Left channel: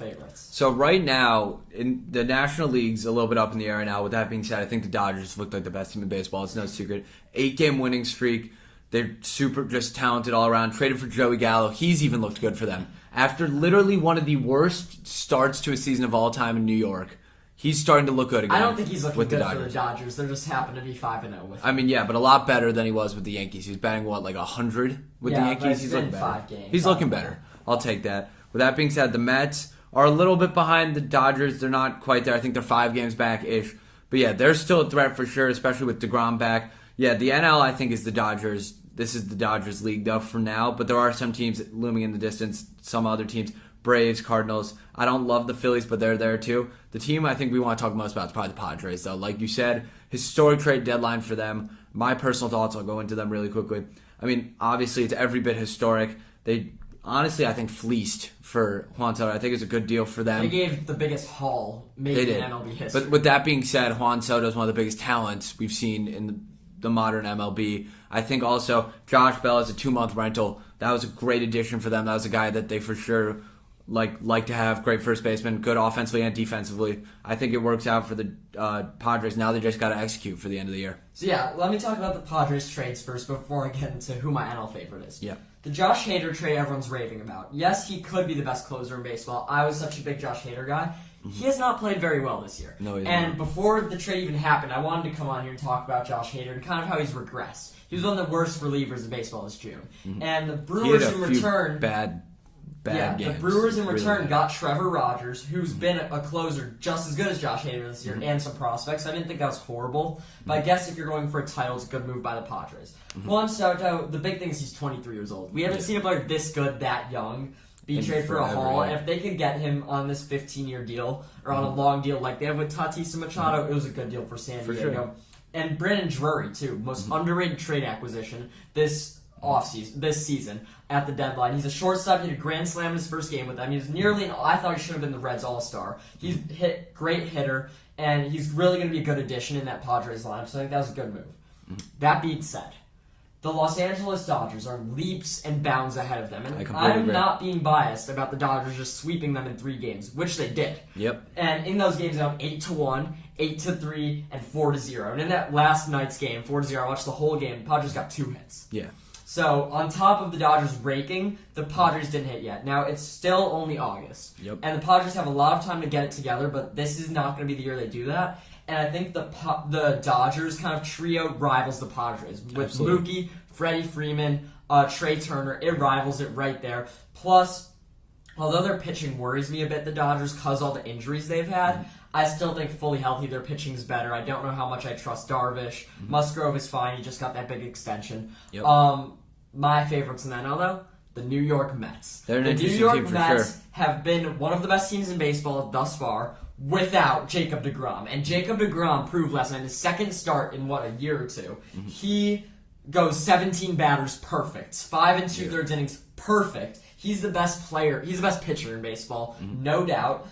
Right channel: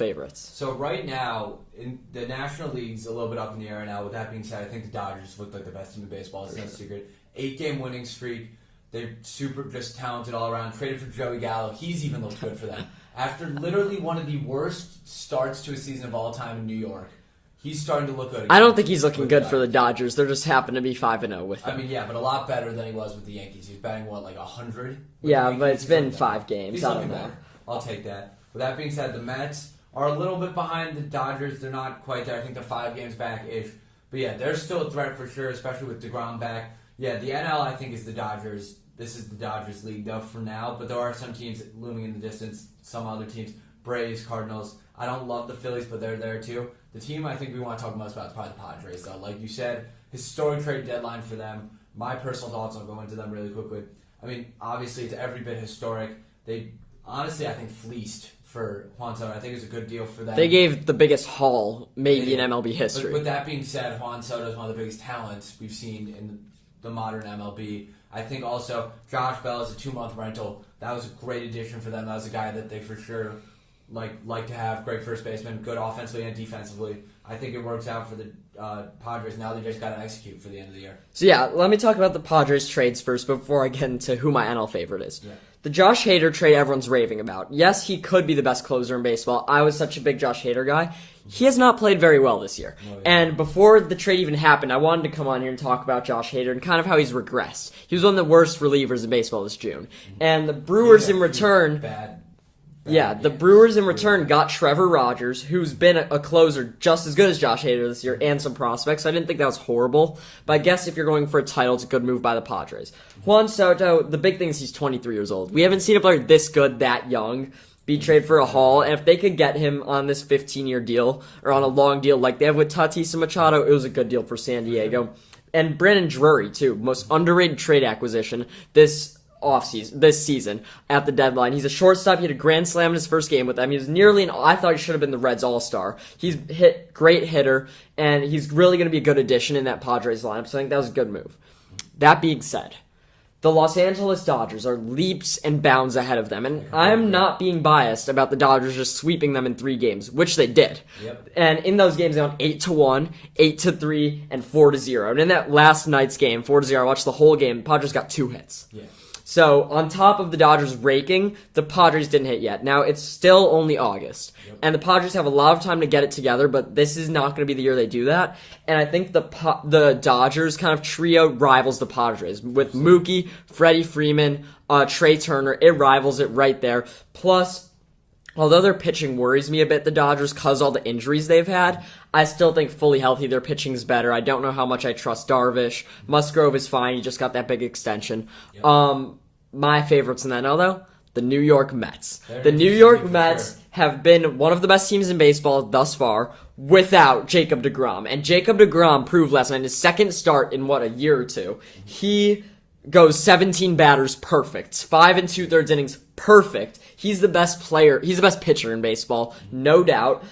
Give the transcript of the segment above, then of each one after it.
favorites? So right now, in the National League's a little bit up in the air right now. With that being said, I think the Dodgers look like the best team in baseball. It's no secret. 8-game winning streak. They're super just talented all around. Traded for Joey Gallo. He's even looked good for them. After literally one of the worst starts to a season of all time in New York, he's starting to look good again. I don't think he's looking good for the Dodgers. They're just happen to be 5-0 with him. I mean, yeah, but a lot better than he was with the Yankees. He's batting, like 100 with the Yankees? But it's been 5 games. He's looking better. I'll take that. With that being said, the Mets are a little bit behind the Dodgers. They're not quite there. I think they're 5 games back-ish. But yeah, they're still a threat for sure, especially with DeGrom back. Yeah, the NL, I think, is the Dodgers. This is the Dodgers league, though, for now. But there are some teams looming in the distance. Some other teams. Braves, Cardinals. I don't love the Phillies, but they're there, too. The team I think we want to talk most about is probably the Padres, though. Like you said, historic trade deadline for them. My personal thoughts, I'll go into them really quickly. I mean, obviously, it's every bit historic. They honestly, I think, fleeced for Juan Soto. I think it's a good deal for them. They gave the biggest haul maybe in MLB history. But with that being said, Juan Soto is one of the biggest talents we've seen in the modern MLB. I think also Josh Bell is a 2-month rental. That was a great addition for them. That was a guy that they for sure like to have. Great first baseman, good offensively and defensively. I think it works out for the Padres. Now they just got to execute for the end of the year. So yeah, let me talk about the Padres trades first before I get into who my NL favorite is. Yeah. The Josh Hader trade everyone's raving about. Yes, he could be the best closer in baseball. I was such a big Josh Hader guy. He has not played very well this year. No, and before the trade even happened, I wanted to come on here and talk about Josh Hader and kind of how he's regressed. He was one of the worst relievers in baseball this June. Mm-hmm. And the Brewers in return... the Brewers in return got Trevor Rogers, who's been a closer just as good as Josh Hader this year, and some prospects. I didn't think that was horrible, but I guess if you're going for a title, it's a good move by the Padres. Juan Soto, the big thing is he's 23 years old. We haven't seen a player this good that young be traded for a haul, and if they could get him on this 15-year deal, or on a long deal like they have with Tatis and Machado, it was a good deal for San Diego. Sure. And Brandon Drury, too, most underrated trade acquisition this season at the deadline. He's a shortstop. He had a grand slam in his first game with them. He was nearly I thought he should have been the Reds all-star. He's great hitter, and he's really going to be a good addition in that Padres lineup, so I think that was a good move. That being said, the Los Angeles Dodgers are leaps and bounds ahead of them, and I'm not being biased about the Dodgers just sweeping them in 3 games, which they did. Yep. And in those games, they went 8-1, 8-3, and 4-0. And in that last night's game, 4-0, I watched the whole game. The Padres got 2 hits. Yeah. So, on top of the Dodgers raking, the Padres didn't hit yet. Now, it's still only August. Yep. And the Padres have a lot of time to get it together, but this is not going to be the year they do that. And I think the Dodgers kind of trio rivals the Padres. With Mookie, Freddie Freeman, Trey Turner, it rivals it right there. Plus, although their pitching worries me a bit, the Dodgers, because all the injuries they've had, I still think fully healthy, their pitching is better. I don't know how much I trust Darvish. Musgrove is fine. He just got that big extension. Yep. My favorites in the NL, though, the New York Mets. The New York Mets have been one of the best teams in baseball thus far without Jacob deGrom. And Jacob deGrom proved last night in his second start in, a year or two. He goes 17 batters perfect. 5 2/3 innings perfect. He's the best player. He's the best pitcher in baseball, no doubt.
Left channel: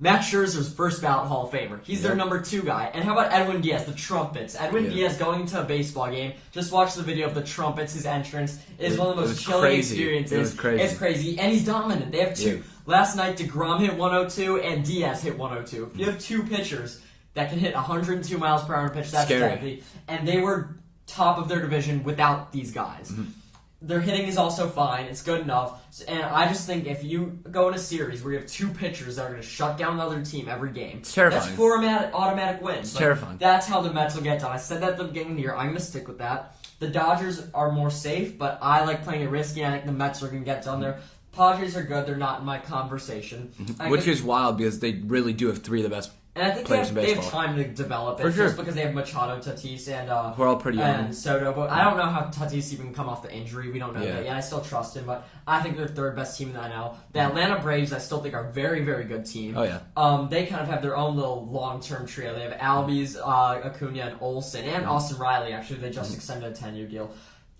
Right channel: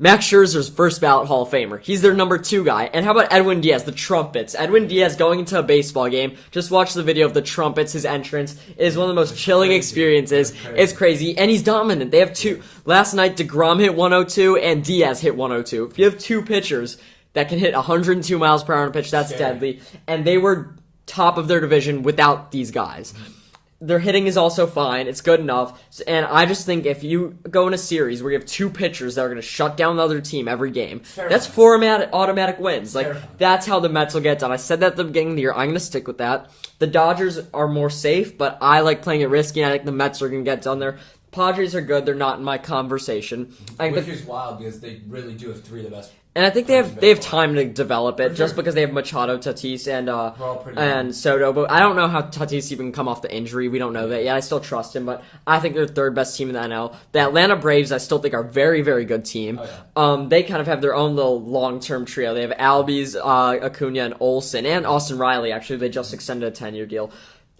Max Scherzer's first ballot Hall of Famer. He's their number 2 guy. And how about Edwin Diaz, the trumpets? Edwin Diaz going into a baseball game. Just watch the video of the trumpets, his entrance. It is one of the most chilling experiences. It's crazy. And he's dominant. They have 2. Last night, DeGrom hit 102 and Diaz hit 102. If you have 2 pitchers that can hit 102 miles per hour on a pitch, that's deadly. And they were top of their division without these guys. Mm-hmm. Their hitting is also fine. It's good enough. And I just think if you go in a series where you have 2 pitchers that are going to shut down the other team every game, that's 4 automatic wins. That's how the Mets will get done. I said that at the beginning of the year. I'm going to stick with that. The Dodgers are more safe, but I like playing it risky, and I think the Mets are going to get done there. Padres are good. They're not in my conversation. Which is wild because they really do have 3 of the best. And I think they have time to develop it, just because they have Machado, Tatis, and Soto. But I don't know how Tatis even come off the injury. We don't know that yet. I still trust him, but I think they're the 3rd best team in the NL. The Atlanta Braves, I still think are a very, very good team. Oh, yeah. They kind of have their own little long-term trio. They have Albies, Acuna, and Olsen, and Austin Riley. Actually, they just extended a 10-year deal.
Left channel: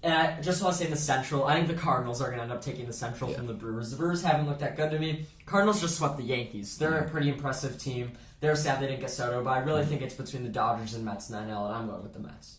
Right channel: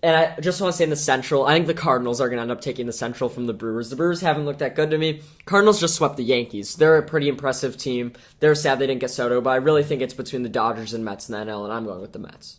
And I just want to say in the Central, I think the Cardinals are going to end up taking the Central from the Brewers. The Brewers haven't looked that good to me. Cardinals just swept the Yankees. They're a pretty impressive team. They're sad they didn't get Soto, but I really think it's between the Dodgers and Mets in the NL, and I'm going with the Mets.